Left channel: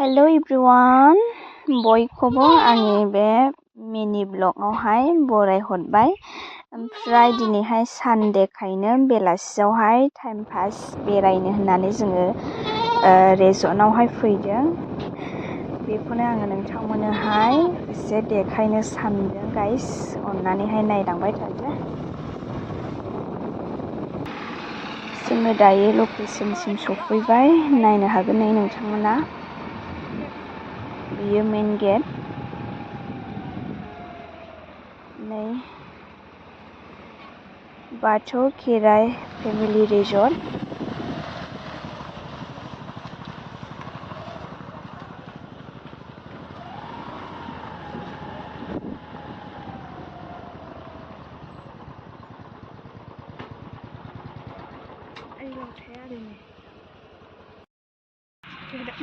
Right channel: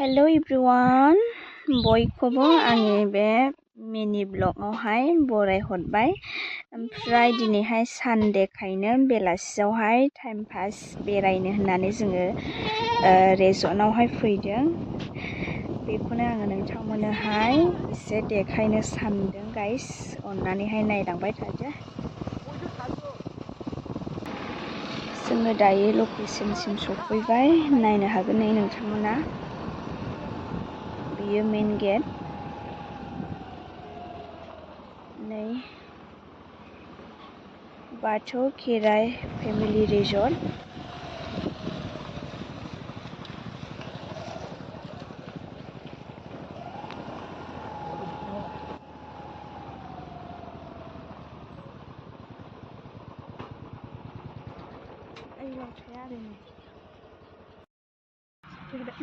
Hello everyone, बयखौबो आंनि बे मिनि ब्लगावहाय बरायहरबाय। ओमफ्राय दिनैहाय सानडेखायनो बेलासियावहाय टाइम पास बेरायनो होननानै जोङो रेजर्टआवहाय फैदों। बेखौनो आङो नोंथांमोननोहाय एसे देखायनो सानदों गाइस, अननानैहाय नायलांबाय थादो। जोङो दायो लकेसनसिम सफैबाय, नायनो हागोन नै नोंथांमोना। बेयो मेन गेट। नै बाथौ खेराइ फेमिलि रिजर्ट।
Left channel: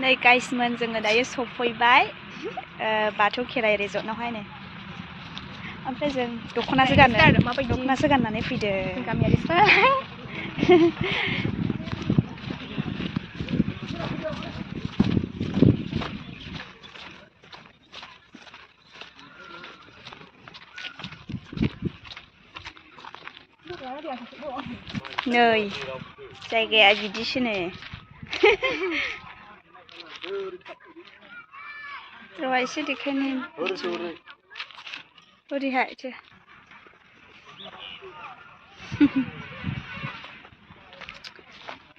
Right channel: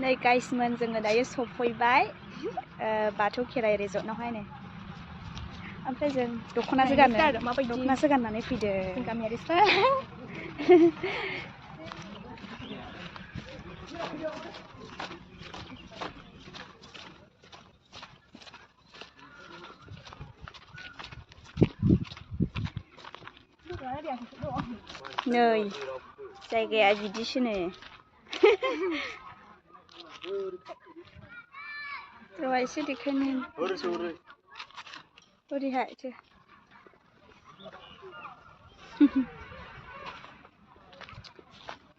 नै गाइसमोन, जोङो दायो सफैबाय बाथौ खेराइ रिजर्टआवहाय। नै ओमफ्राय जों दख'नासो गाननानै फैदों गामियारिफोर। नै जायगाया बिदिसोनो। र' एसे देखायनो ओरैहाय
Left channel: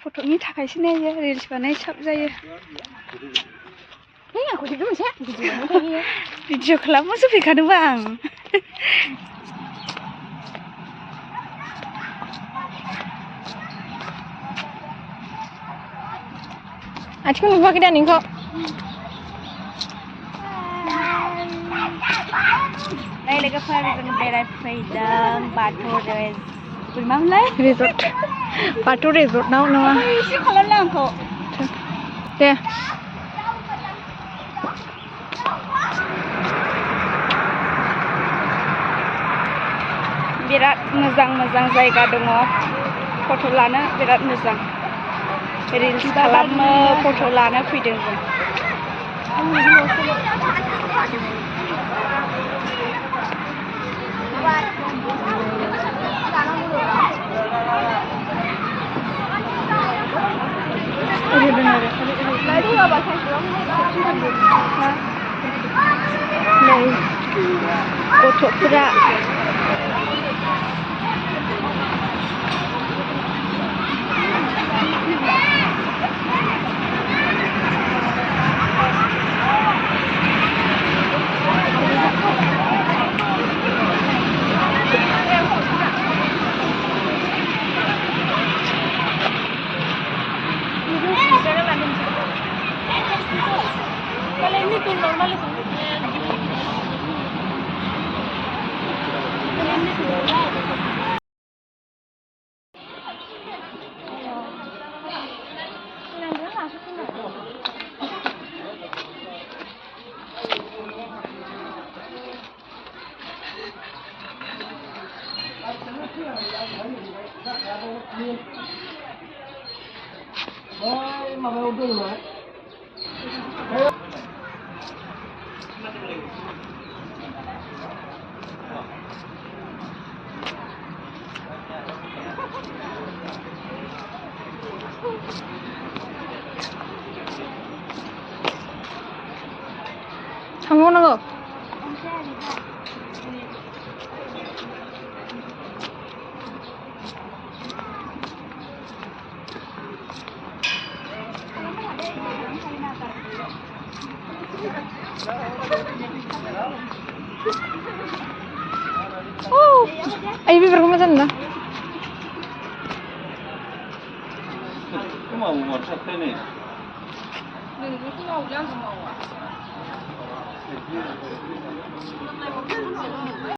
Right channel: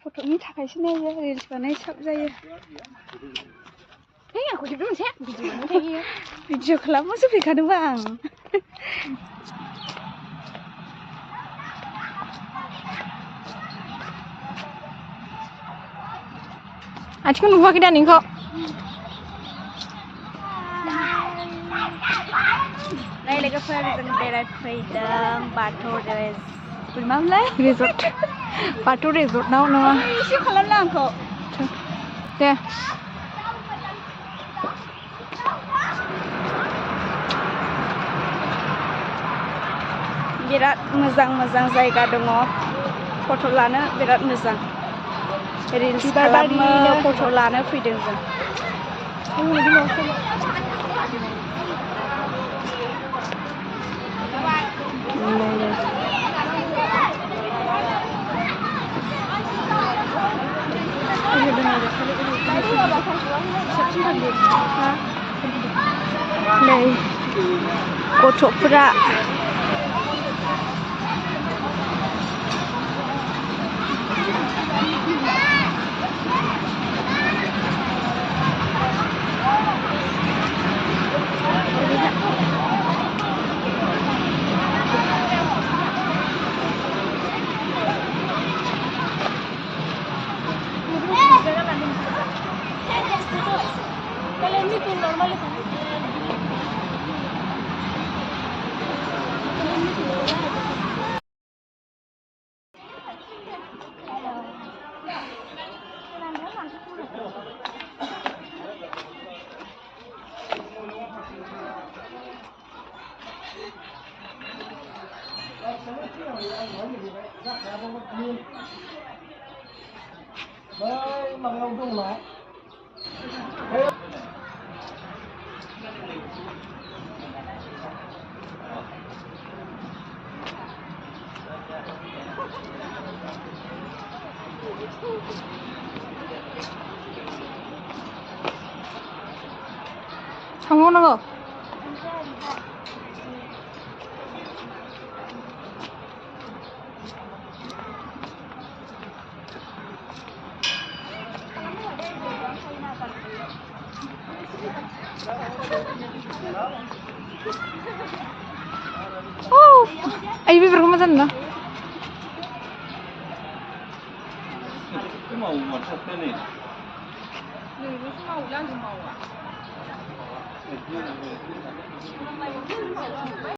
फट'नि थाखायसो नायो, रिल्स बानाय साब जायो। भिडिअ खालामनोसो फैखादोंबा आं। आथिं नुवाखै दा नोंखौ? नै लोगोफोर, जों बेरायफैदों बाथौ रिजर्ट। बाथौ रिजर्टआव नङा। एसे खालामला आंखौ दे। बिराद मोजां मोजां जायगा दङ, फट' लानो बिराद मोजां। रिल्स खालामो, फट' लानो फैदों जों। नै गथ'फोरा थांबावनांगौ। Ayo biar kamu sana. Mau masak nih. Mau